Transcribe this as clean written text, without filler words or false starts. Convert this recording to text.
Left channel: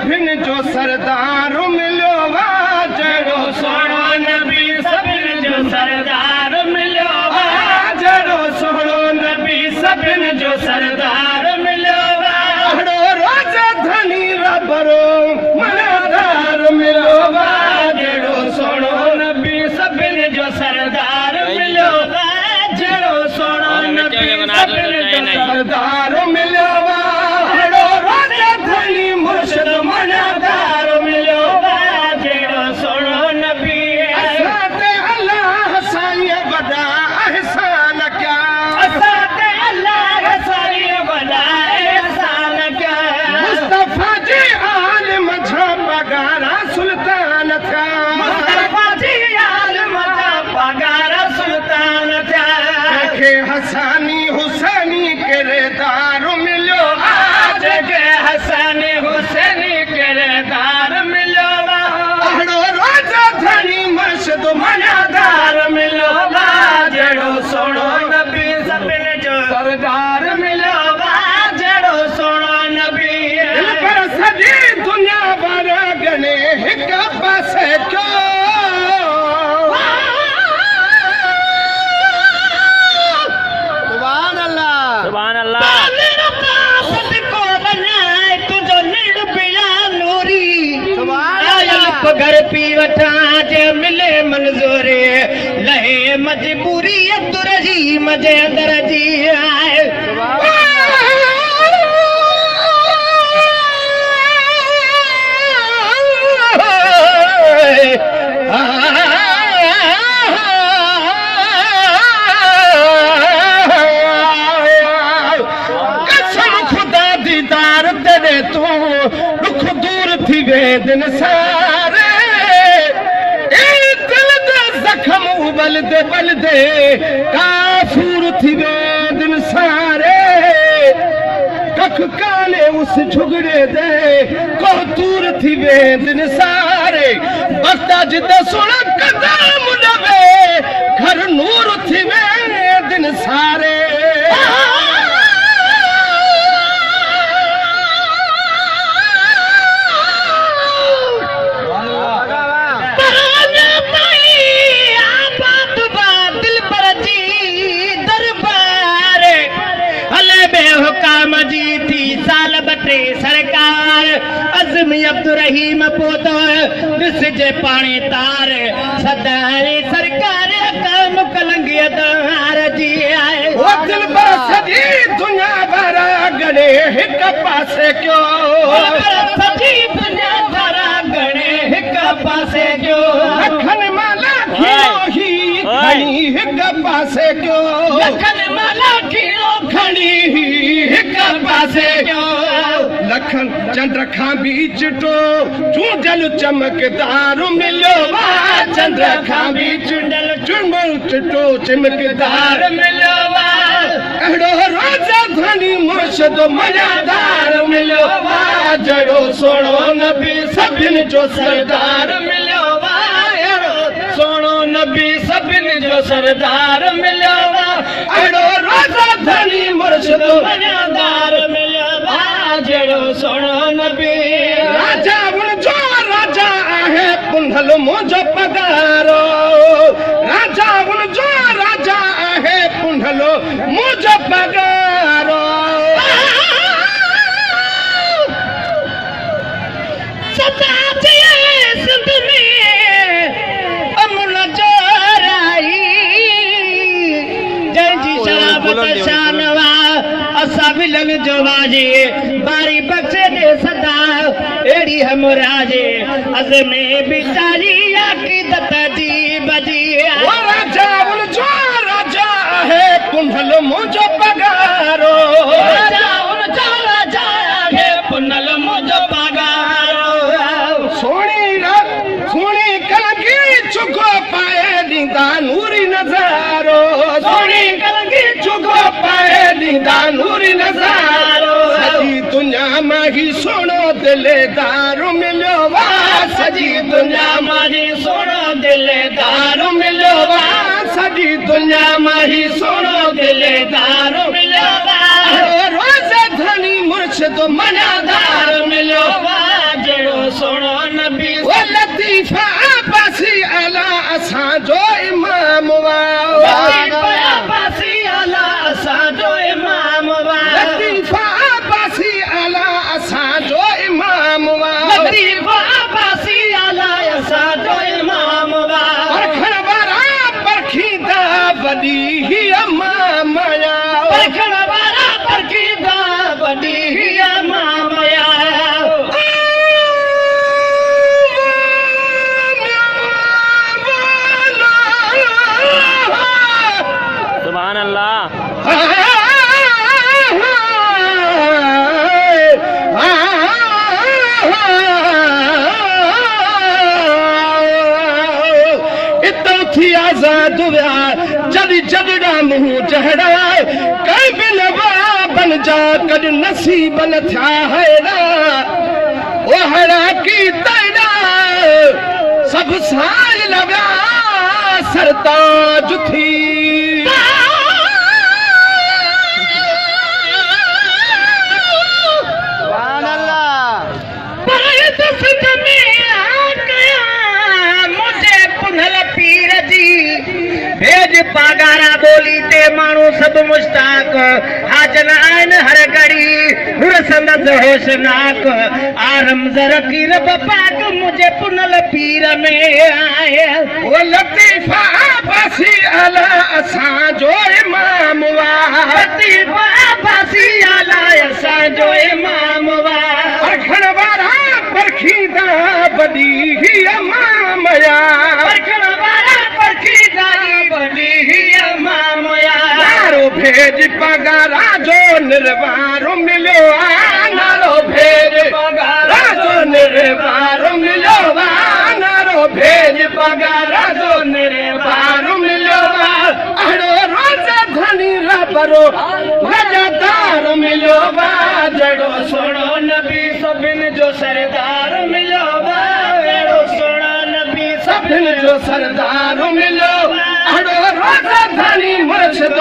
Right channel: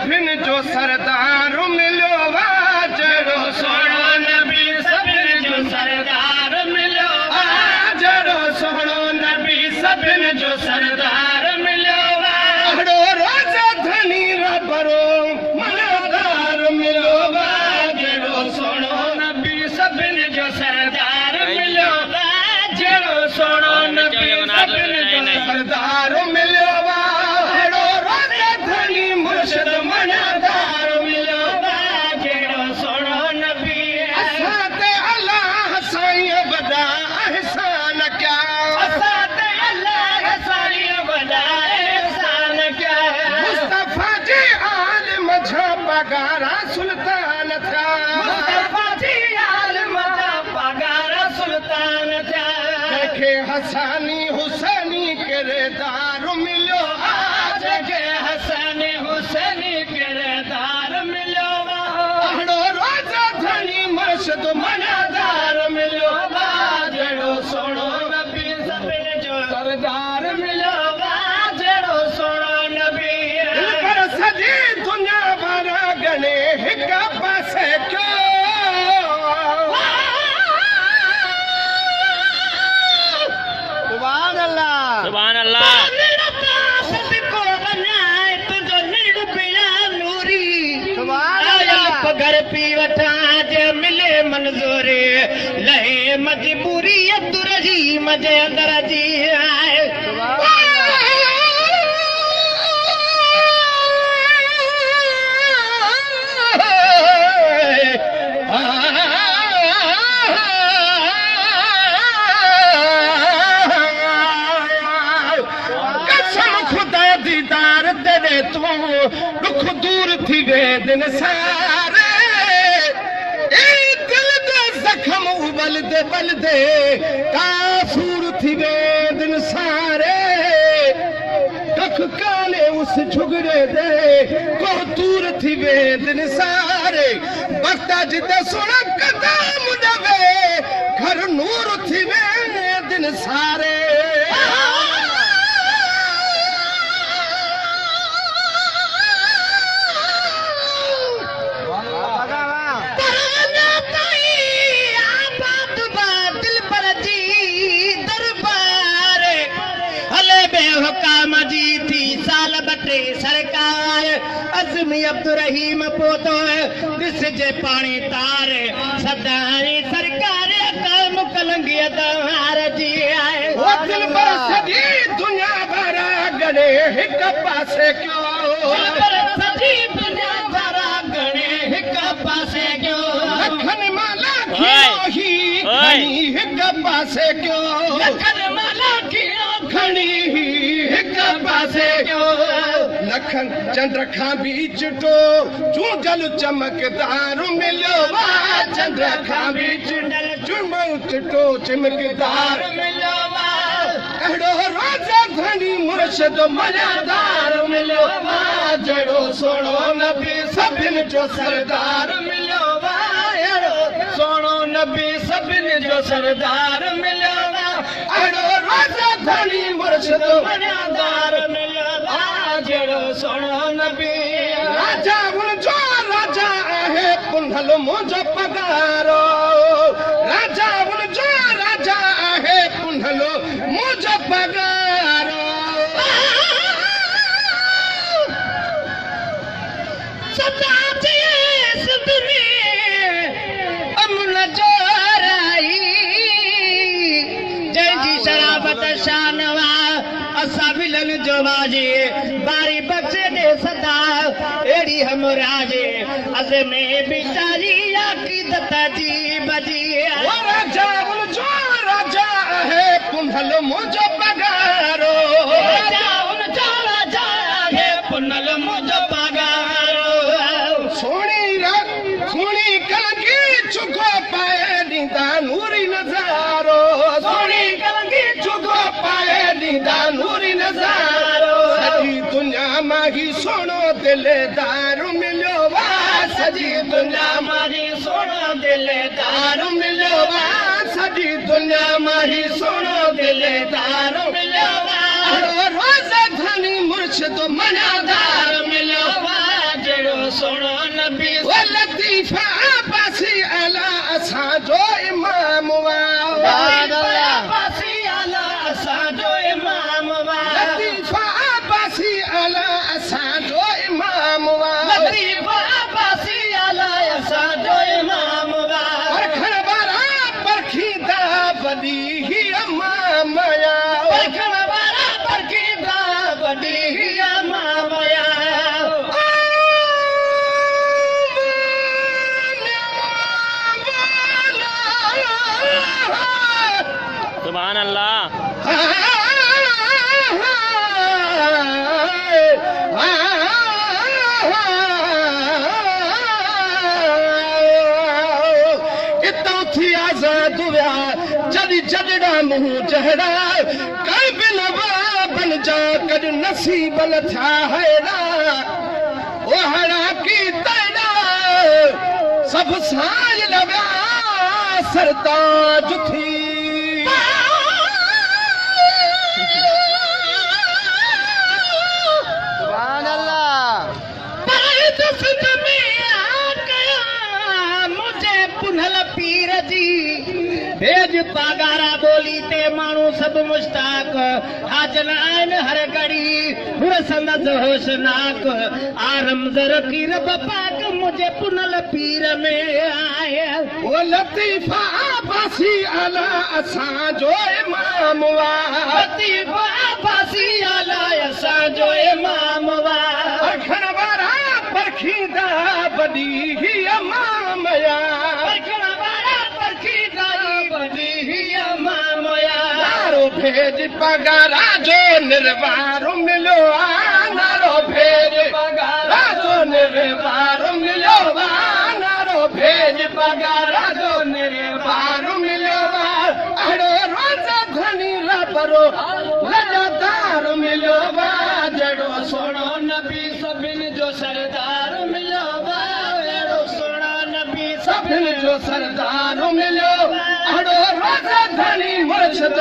सभिन जो सरदार मिलो जड़ो सोनो नबी सभिन जो सरदार मिलो जड़ो सोनो नबी सभिन जो सरदार मिलो अड़ो रोज़ा धनी रबरो मनादार मिलो जड़ो सोनो नबी सभिन जो सरदार मिलो जड़ो सोनो नबी सभिन जो सरदार मिलो अड़ो रोज़ा धनी मुर्शिद मनादार मिलो जड़ो सोनो नबी असाते अल्लाह साईं वॾा एहसान क्या असाते अल्लाह साईं वॾा एहसान क्या मुस्तफा जी आलिम जा पगारा सुल्तान था मुस्तफा जी आलिम जा पगारा सुल्तान था के हसानी हुसैनी किरदार मिलो आज के हसानी हुसैनी किरदार मिलो अड़ो रोज़ा धनी मुर्शिद मनादार मिलो जड़ो सोनो नबी सभिन जो सरदार मिलो जड़ो सोनो नबी दिल पर सॼी दुनिया भर गणे हिक पासे क्यों सुभान अल्लाह घर पी वठा जे मिले मंजूरी लहे मजबूरी अब्दुल रहीम जे अंदर जी आए कसम खुदा दीदार दे तू दुख दूर थी वे दिन सारे जख्म बलदे बलदे काफूर थी वे दिन सारे कख काने उस झुगड़े दे को दूर थी वे दिन सारे बता जिते सुन कदम डबे घर नूर थी वे दिन सारे सरकार अज़मी अब्दुल रहीम पोतो दिसजे पानी तार सदारे सरकार काम कलंगी दार जी आए वो दिल पर सजी दुनिया भर गणे हिक पासे क्यों सजी दुनिया भर गणे हिक पासे क्यों लखन माला ही खणी हिक पासे क्यों लखन माला खणी हिक पासे क्यों लखन चंद्र खां भी चिटो चूंडल चमकदार मिलो चंद्र खां भी चूंडल चिटो चमकदार मिलो अड़ो रोज़ा धनी मुर्शिद मनादार मिलो जड़ो सोनो नबी सभिन जो सरदार मिलो सोनो नबी सभिन जो सरदार मिलो अड़ो रोज़ा धनी मुर्शिद मनादार मिलो जड़ो सोनो नबी राजा उनजो राजा आहे पुंडल मुंहिंजो पगारो राजा उनजो राजा आहे पुंडल मुंहिंजो पगारो सदा सिंध में अमन जो राई जंहिंजी शराबत शानवा असां बिलन जो वाजे बारी बख्शे दे सदा एड़ी हमराजे अज़ में बिचारी अक़ीदत जी बजी वो राजा उनजो राजा है पुंडल मुंहिंजो पगारो राजा उनजो राजा है पुंडल मुंहिंजो पगारो सोणी कलंगी चुगो पाए ॾींदा नूरी नज़ारो सोणी कलंगी चुगो पाए ॾींदा नूरी नज़ारो सॼी दुनिया मां ही सोनो दिलेदार मिलियो सॼी दुनिया मां ही सोनो दिलेदार मिलियो सॼी दुनिया मां ही सोनो दिलेदार मिलियो रोज़ा धनी मुर्शिद मनादार मिलियो अम्मा माया परखण वारा परखींदा वॾी ही अम्मा माया सुभान अल्लाह थी आज़ाद हुआ जॾहिं जगड़ा मुंहुं जहड़ा कई बि नवा बन जा कॾहिं नसीब न थिया हेड़ा ओहड़ा की तड़ा सभु साल लॻा सरताज थी पीर जी भेज पागारा बोली ते माण्हू सभु मुश्ताक हाजन आहिनि हर घड़ी हुरसंदस होशनाक आरम ज़रकीर पाक मुंहिंजे पुनल पीर में आहे वो लतीफ़ा बासी अला असांजो इमाम वाह लतीफ़ा बासी अला असांजो इमाम वाह परखण वारा परखींदा वॾी ही अम्मा माया परखण वारा परखींदा वॾी ही अम्मा माया नारो भेज पगारा जो निर्वारो मिलियो आहे नारो भेज पगारा जो निर्वारो मिलियो आहे नारो भेज पगारा जो निर्वारो मिलियो आहे अहिड़ो रोज़ धनी रबरो लॼदार मिलियो आहे जहिड़ो सोणो नबी सभिनि जो सरदार मिलियो अहिड़ो सोणो नबी सभिनि जो सरदार मिलियो अहिड़ो रोज़ धनी मुर्शिद